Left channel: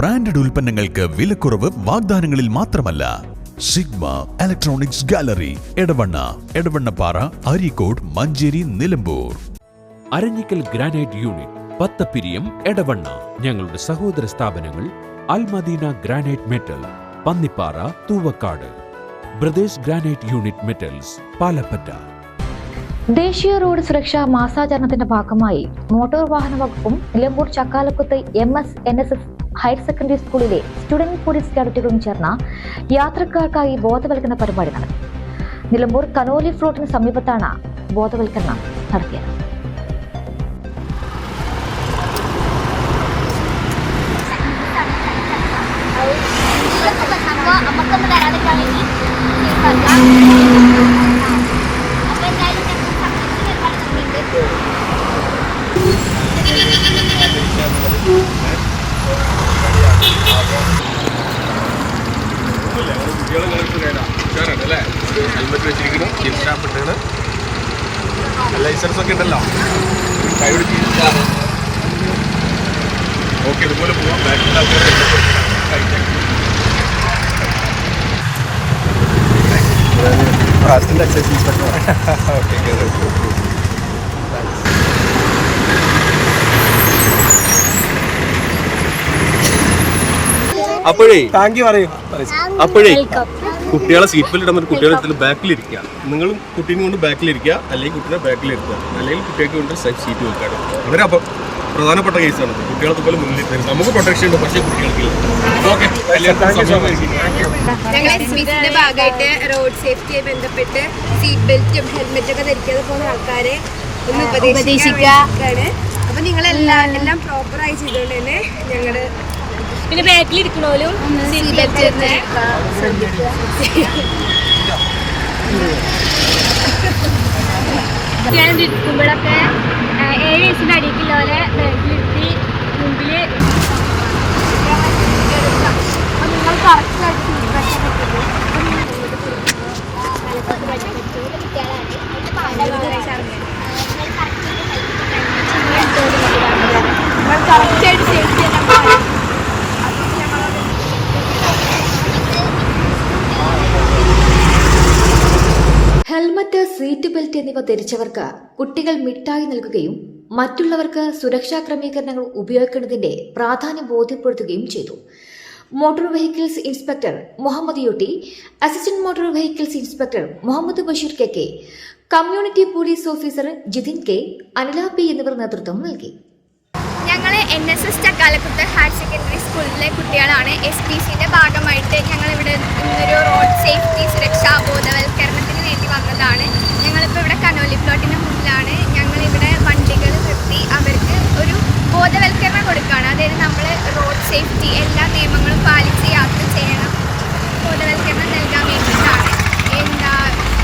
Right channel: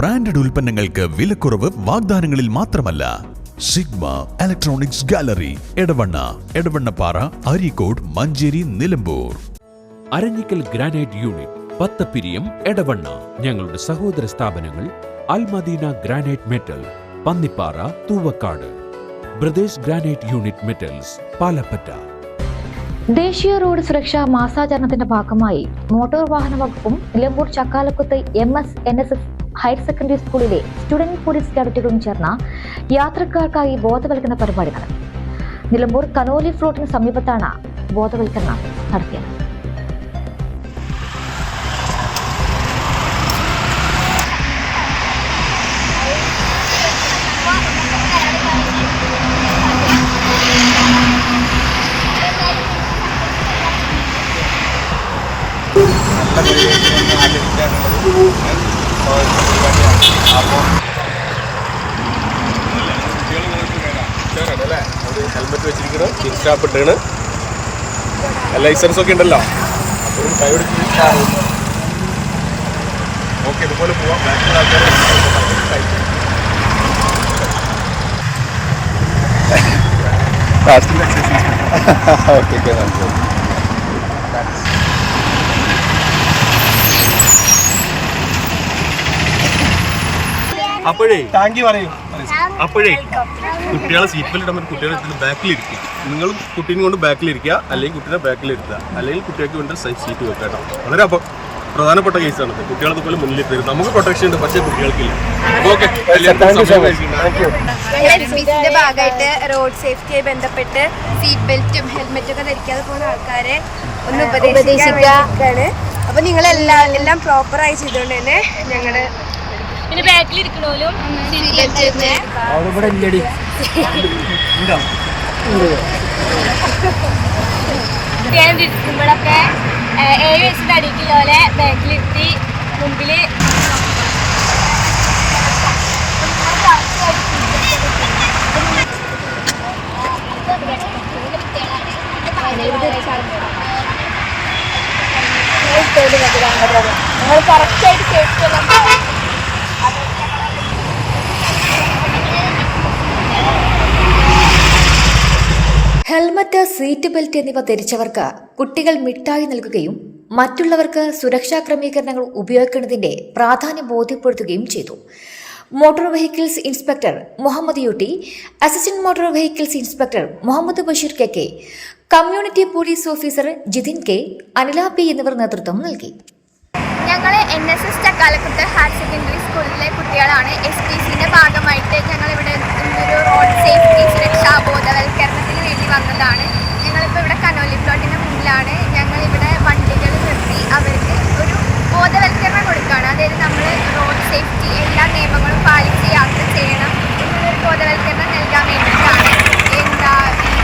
Branded ഉൽപ്പന്നങ്ങൾക്ക് വിലക്കുറവ് വാഗ്ദാനങ്ങളിൽ മാത്രമല്ല. Sigma electronics gallery Edavanna Edavannappara Areekode Manjeri Nilambur. Aranjikkal granite unit Pathappiriyam Edavanna. ഞങ്ങളുടെ സഹോദര സ്ഥാപനങ്ങൾ Almadina granite metal Pannippara Thuvakkad. Brothers granite unit metals Palappatta. ദേശീയ റോഡ് സുരക്ഷാ മാസാചരണത്തിന്റെ ഭാഗമായി മോട്ടോർ വാഹന വകുപ്പും Nilambur Chakkalakuth M S N S S higher secondary സ്കൂളിലെ സ്റ്റുഡന്റ് പോലീസ് കാഡറ്റുകളും ചേർന്ന യാത്രക്കാർക്കായി ബോധവൽക്കരണ പരിപാടി നടത്തി. നിലമ്പൂർ കനോലി ഫ്ലോട്ടിന് സമീപത്താണ് ബോധവൽക്കരണം നടത്തിയത്. അല്ലേ? ഹെൽമെറ്റ് വെച്ചിരിക്കണം ക്യാപ്പ് ഇട്ടാണ്. ലൈസൻസ് ഒക്കെ ഉണ്ടല്ലോ. ഓക്കെ ഇതുപോലെ പോവാം. ബാക്കിലുള്ള ആൾക്കാരെ ഫാസ്റ്റിന്റെ എക്സൈസ് ഇൻസ്പെക്ടർ ഓക്കെ താങ്ക്സ് അപ്പോഴേ താങ്ക് യു പറയൂ. അപ്പോഴേ കുട്ടികളെ സീറ്റ് ബെൽറ്റ് ഇടുന്ന കുട്ടികളെ എടുത്തിട്ട് ബാക്കിൽ ഇരിക്കുക നിങ്ങളും കുട്ടീനെ കൊണ്ട് ബാക്കിൽ ഇരിക്കുക അല്ലെങ്കിൽ കുട്ടീനെ ബാക്കിൽ ഇരുത്തുക അല്ലെങ്കിൽ കുട്ടികൾക്ക് വേണ്ടി സീറ്റ് വെക്കുക കേട്ടോ. വളരെ അപ്പം പ്രധാനപ്പെട്ട കേസാണ്. കുട്ടികളെ അതുപോലെ മുന്നിൽ തരും നമുക്ക് പ്രൊട്ടക്ഷൻ ഉണ്ട് പക്ഷേ കുട്ടികൾക്കില്ല. ഓക്കെ സിന്റെ ഭാഗമായിട്ട് റോഡ് സേഫ്റ്റിയായി ബന്ധപ്പെട്ട് സീറ്റ് ബെൽറ്റും ഹെൽമെറ്റും ഒക്കെ ധരിക്കാതെ പോകുന്ന ആൾക്കാരെ ഒന്ന് ഉപദേശിക്കാണ് അപ്പൊ നിങ്ങൾ എല്ലാം എല്ലാം പ്രോപ്പറായി ചെയ്തുകൊണ്ട് തന്നെ ഞങ്ങൾ പിന്നെ ബാക്കിലിരിക്കണോലും സീറ്റ് ബെൽറ്റ് ഇടണേ. കുട്ടികളെ ഇരിക്കുമ്പോഴൊക്കെ ഏഴ് വയസ്സിന്റെ പോലെ ബാക്കിലിരുത്തി മുമ്പിൽ അപ്പൊ നിങ്ങൾ കറക്റ്റായിട്ട് സീറ്റ് ബെൽറ്റ് ഒക്കെ ഇട്ടിരുന്നു. നിങ്ങൾ കറക്റ്റായിട്ട് സേഫ്റ്റി എല്ലാം പാലിക്കണം. അതുകൊണ്ട് ഞങ്ങളത് ഹെൽമറ്റ് സീറ്റ് ബെൽറ്റ് എന്നിവ ധരിച്ചവർക്ക് കുട്ടികൾ മിഠായി നൽകുകയും മറ്റുള്ളവർക്ക് സുരക്ഷാ ക്രമീകരണങ്ങൾ ഉപയോഗിക്കുന്നതിന്റെ പ്രാധാന്യം ബോധ്യപ്പെടുത്തുകയും ചെയ്തു. Motor vehicles inspector Muhammad യുട്ടി assistant motor vehicles inspector Muhammad Basheer K K community police officer Jithin K Anila P എന്നിവർ നേതൃത്വം നൽകി. ഞങ്ങൾ N S S Chakkalakuth higher secondary സ്കൂളിലെ കുട്ടികളാണ്. എസ് പി സിന്റെ ഭാഗമായിട്ട് ഞങ്ങളിവിടെ ഇന്നൊരു റോഡ് സേഫ്റ്റി സുരക്ഷാ ബോധവൽക്കരണത്തിന് വേണ്ടി വന്നതാണ്. ഞങ്ങളിപ്പോൾ ഇവിടെ കനോലി പ്ലോട്ടിന് മുമ്പിലാണ് ഞങ്ങളിവിടെ വണ്ടികൾ നിർത്തി അവർക്ക് ഒരു ബോധവൽക്കരണം കൊടുക്കുകയാണ് അതായത് നമ്മൾ റോഡ് സേഫ്റ്റി എല്ലാ നിയമങ്ങളും പാലിച്ച് യാത്ര ചെയ്യണം എന്നുള്ളൊരു ബോധവൽക്കരണം നൽകാൻ വേണ്ടിയിട്ടാണ് എന്താ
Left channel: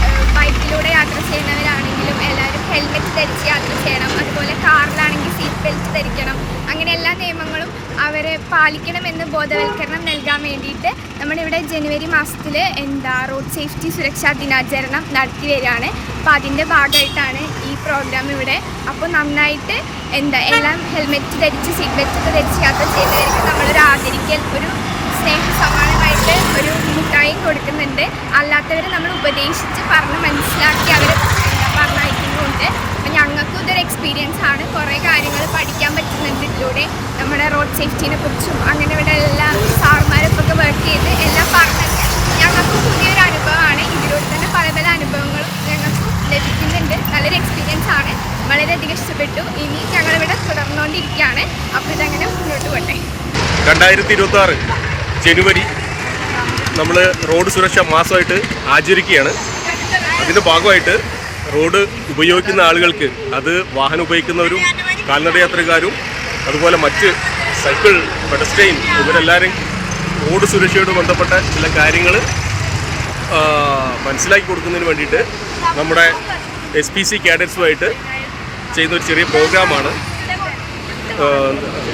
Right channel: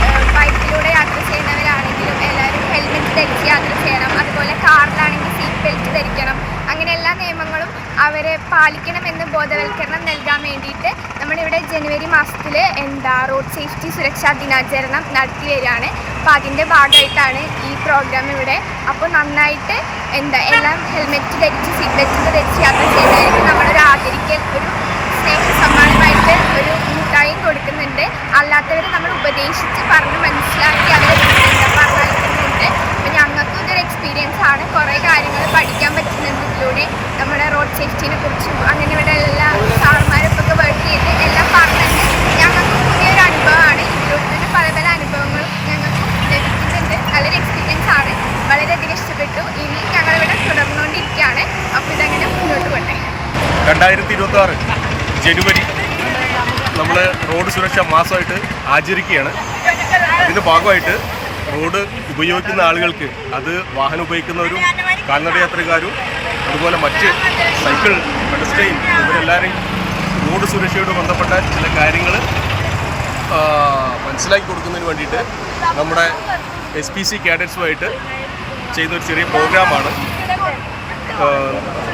ഏഹ് ബൈക്കിലൂടെ യാത്ര ചെയ്യുന്നവരാണെങ്കിലും എല്ലാവരും ഹെൽമെറ്റ് ധരിച്ച് യാത്ര ചെയ്യണം അതുപോലെ കാറിലാണെങ്കിൽ സീറ്റ് ബെൽറ്റ് ധരിക്കണം അങ്ങനെ എല്ലാ നിയമങ്ങളും അവരെ പാലിക്കണമെന്ന് ബോധവൽക്കരണം നൽകാൻ വേണ്ടിയിട്ട് നമ്മളിവിടെ ജനുവരി മാസത്തിൽ എന്താ റോഡ് സേഫ്റ്റി സുരക്ഷാ ദിനാചരണം നടത്തി വരികയാണ് അപ്പോൾ അതിന്റെ ഭാഗമായിട്ടാണ് ഈ പ്രോഗ്രാം ഇവിടെ. അപ്പോൾ നന്നായിട്ട് എന്താ എല്ലാം ഹെൽമെറ്റ് ധരിച്ച് സീറ്റ് ബെൽറ്റ് ഒക്കെ ധരിച്ച് യാത്ര ചെയ്യുന്നവർക്ക് നമ്മളൊരു ആദരിക്കൽ ഒരു സ്നേഹ സമ്മാനമായിട്ട് ഒരു മിഠായും കൊടുക്കുന്നുണ്ട്. അല്ലാത്തവരെ നമ്മൾ ഉപദേശിച്ച് പറഞ്ഞ് മനസ്സിലാക്കി അവരെ എന്താ പറഞ്ഞിട്ടുണ്ട് അപ്പം ഞങ്ങൾക്കും ഇതൊരു എക്സ്പീരിയൻസ് ആണ്. കുറേ കാര്യങ്ങൾ പഠിക്കാൻ പറ്റുന്നുണ്ട് ഇതിലൂടെ. നമ്മുടെ റോഡ് സേഫ്റ്റിനെ കുറിച്ചും അങ്ങനെ ഇവിടെ എല്ലാ സാറുമാരൊക്കെ വർക്ക് ചെയ്ത് എല്ലാം പറഞ്ഞത് ഞങ്ങൾക്കും പുതിയൊരു അനുഭവമാണ്. ഇതിലൂടെ തന്നെ പല പല അനുഭവങ്ങളും ഞങ്ങൾക്കും ലഭിക്കുന്നുണ്ട്. നല്ലൊരു എക്സ്പീരിയൻസ് ആണ്. വളരെയധികം ഇഷ്ടപ്പെട്ടു. ഇനി ഞങ്ങളിവിടെ തുടർന്നുകൊണ്ടിരിക്കുകയാണ്. അപ്പോൾ ഇതങ്ങനെ മുന്നോട്ട് പോട്ടെ. രണ്ടായിരത്തി ഇരുപത്തി ആറ് ജനുവരി നമ്മൾ റോഡ് സുരക്ഷാ മാസമായിട്ട് ആചരിക്കുകയാണ്. അതിന്റെ ഭാഗമായിട്ട് റോഡ് ഉപയോഗിക്കുന്ന ആളുകൾക്ക് അത് വാഹനം ഉപയോഗിക്കുന്നവരും കാൽനടയാത്രക്കാരും അതുപോലെ മറ്റ് സൈക്കിൾ പെഡസ്ട്രെയിൻ ഇവരെല്ലാവരും റോഡ് സുരക്ഷയോട് ബന്ധപ്പെട്ട ചില കാര്യങ്ങൾ മനസ്സിലാക്കി കൊടുക്കുന്നതിന് വേണ്ടിയിട്ട് നമ്മുടെ എസ് പി സി കാഡറ്റ്സുമായിട്ട് ചെയ്യുന്ന ഒരു ചെറിയ പ്രോഗ്രാമാണ്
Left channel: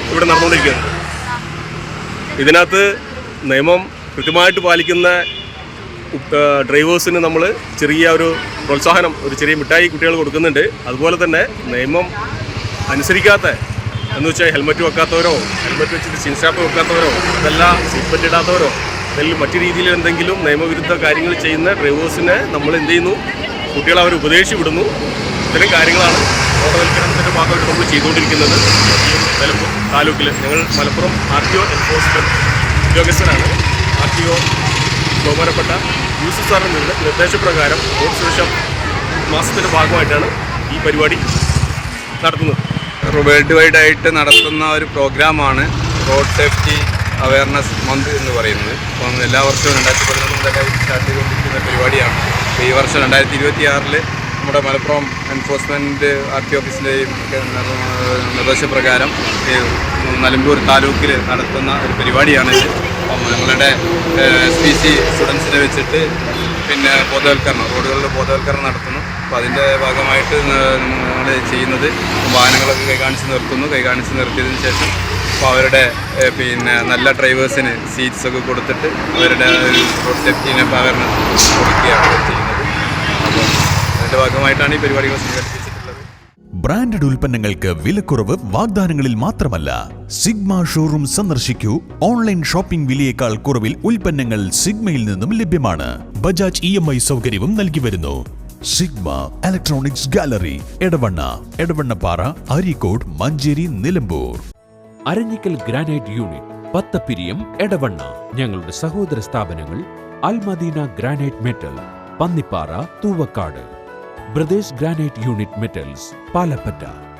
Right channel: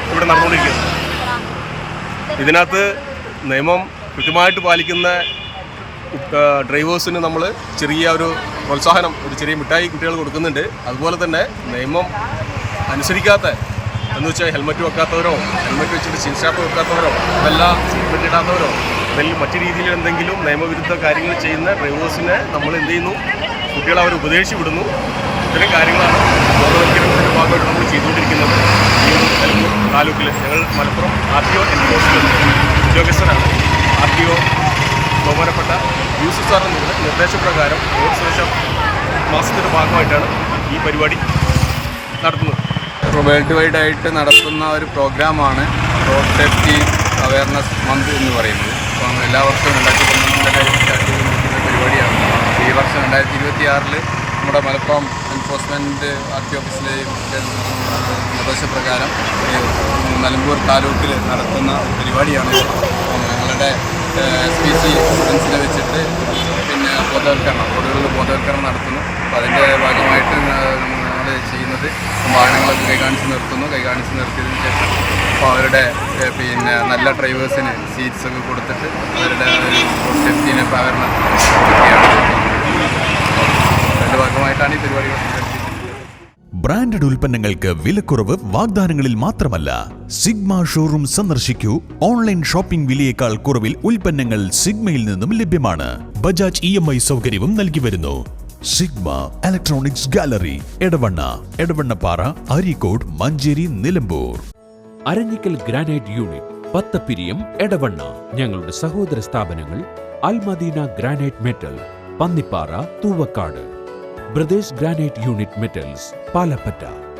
ഇവിടെ നടന്നുകൊണ്ടിരിക്കുന്നത്. ഇതിനകത്ത് നിയമം കൃത്യമായിട്ട് പാലിക്കുന്ന ഡ്രൈവേഴ്സിന് നമ്മൾ ചെറിയ ഒരു പ്രോത്സാഹനം ഒരു ചെറിയ മിഠായി കുട്ടികൾ കൊടുക്കുന്നുണ്ട്. അതുപോലെ തന്നെ നിയമം അനുസരിക്കാത്ത എന്ന് വെച്ചാൽ ഹെൽമറ്റ് വെക്കാത്തവരോ ഹെൽമറ്റ് വെച്ചിട്ട് ചിൻസ്റ്റാപ്പ് വെക്കാത്തവരോ അതല്ല സീറ്റ് ബെൽറ്റ് ഇടാത്തവരോ അല്ലെങ്കിൽ മറ്റു രീതിയിൽ എന്തെങ്കിലും നിയമവിരുദ്ധ കാര്യങ്ങൾ ചെയ്യുന്ന ഡ്രൈവേഴ്സിനെ നമ്മൾ എന്ത് ചെയ്യുന്നു? കുട്ടികളെ അവർ ഉപദേശിച്ചു വിടുന്നു. ഇത്തരം കാര്യങ്ങളാണ് ബോധവൽക്കരണത്തിന്റെ ഭാഗമായിട്ട് നമ്മൾ ചെയ്തുകൊണ്ടിരിക്കുന്നത്. ഈ ഒരു നിലമ്പൂർ താലൂക്കിൽ ഞങ്ങൾ Malappuram R T O enforcement ഉദ്യോഗസ്ഥരാണ്. ആർ ടി ഒ ബഹുമാനപ്പെട്ട യൂസുഫ് സാറിന്റെ നിർദ്ദേശപ്രകാരം റോഡ് സുരക്ഷാ മാസത്തിന്റെ ഭാഗമായിട്ടാണ് ഈ പരിപാടി നടത്തുന്നത്. വേൾഡ് വൈഡ് ആയിട്ട് നടത്തുന്ന ഒരു പ്രോഗ്രാമാണ് റോഡ് സേഫ്റ്റി അവയർനെസ് മന്ത് എന്ന് പറയുന്നത്. അപ്പം എല്ലാ വർഷവും രണ്ടായിരത്തി പതിനൊന്ന് മുതലായി സ്റ്റാർട്ട് ചെയ്തുകൊണ്ടിരിക്കുന്ന പരിപാടിയാണ്. ഈ വർഷം രണ്ടായിരത്തി ഇരുപത്തി ആറിൽ നമ്മുടെ മലപ്പുറം എൻഫോഴ്സ്മെന്റ് ആർ ടി ഓഫീസിലെയും നിർദ്ദേശപ്രകാരം നിലമ്പൂർ താലൂക്കിൽ നടത്തുന്ന ഒരു പരിപാടിയാണ് ഞങ്ങളുടെ പി സി സ്റ്റുഡൻസിനെ വെച്ചിട്ട് പിന്നെ ബോധവൽക്കരണം റോഡുകളിൽ ബോധവൽക്കരണം നടത്തുന്നു. അപ്പോൾ അതിന്റെ ഭാഗമായിട്ട് ഞങ്ങൾ ചെയ്യുന്നത് വാഹനങ്ങളൊക്കെ കൈകാണിച്ച് നിർത്തുന്നു. കൈകാണിച്ച് നിർത്തിയതിന് ശേഷം അപ്പോൾ അവരുടെ പിന്നെ നല്ല ഡ്രൈവേഴ്സിന് സീറ്റ്സൊക്കെ കൊടുത്തിട്ട് അവരുടെ റോഡ് സേഫ്റ്റിനെ അവയർനെസ് കൊടുക്കുകയാണ് ചെയ്യുന്നത്. അതിന്റെ ഭാഗമായിട്ടാണ് ഈ പരിപാടികൾ സംഘടിപ്പിച്ചിട്ടുള്ളത്. ബ്രാൻഡഡ് ഉൽപ്പന്നങ്ങൾക്ക് വിലക്കുറവ് വാഗ്ദാനങ്ങളിൽ മാത്രമല്ല. സിഗ്മ ഷോറൂം സന്ദർശിക്കൂ. ഓൺലൈൻ ഷോപ്പിംഗ് വിലയേക്കാൾ കുറവിൽ ഉൽപ്പന്നങ്ങൾ സിഗ്മയിൽ നിന്നും ലഭ്യമാണ്. ബജാജ് ഇ എം ഐ സൗകര്യവും നൽകി വരുന്നു. Sigma electronics gallery Edavanna Edavannappara Areekode Manjeri Nilambur. Aranjikkal granite unit Pathappiriyam Edavanna. ഞങ്ങളുടെ സഹോദര സ്ഥാപനങ്ങൾ Almadina granite metal Pannippara Thuvakkad. Brothers granite unit metals Palappatta.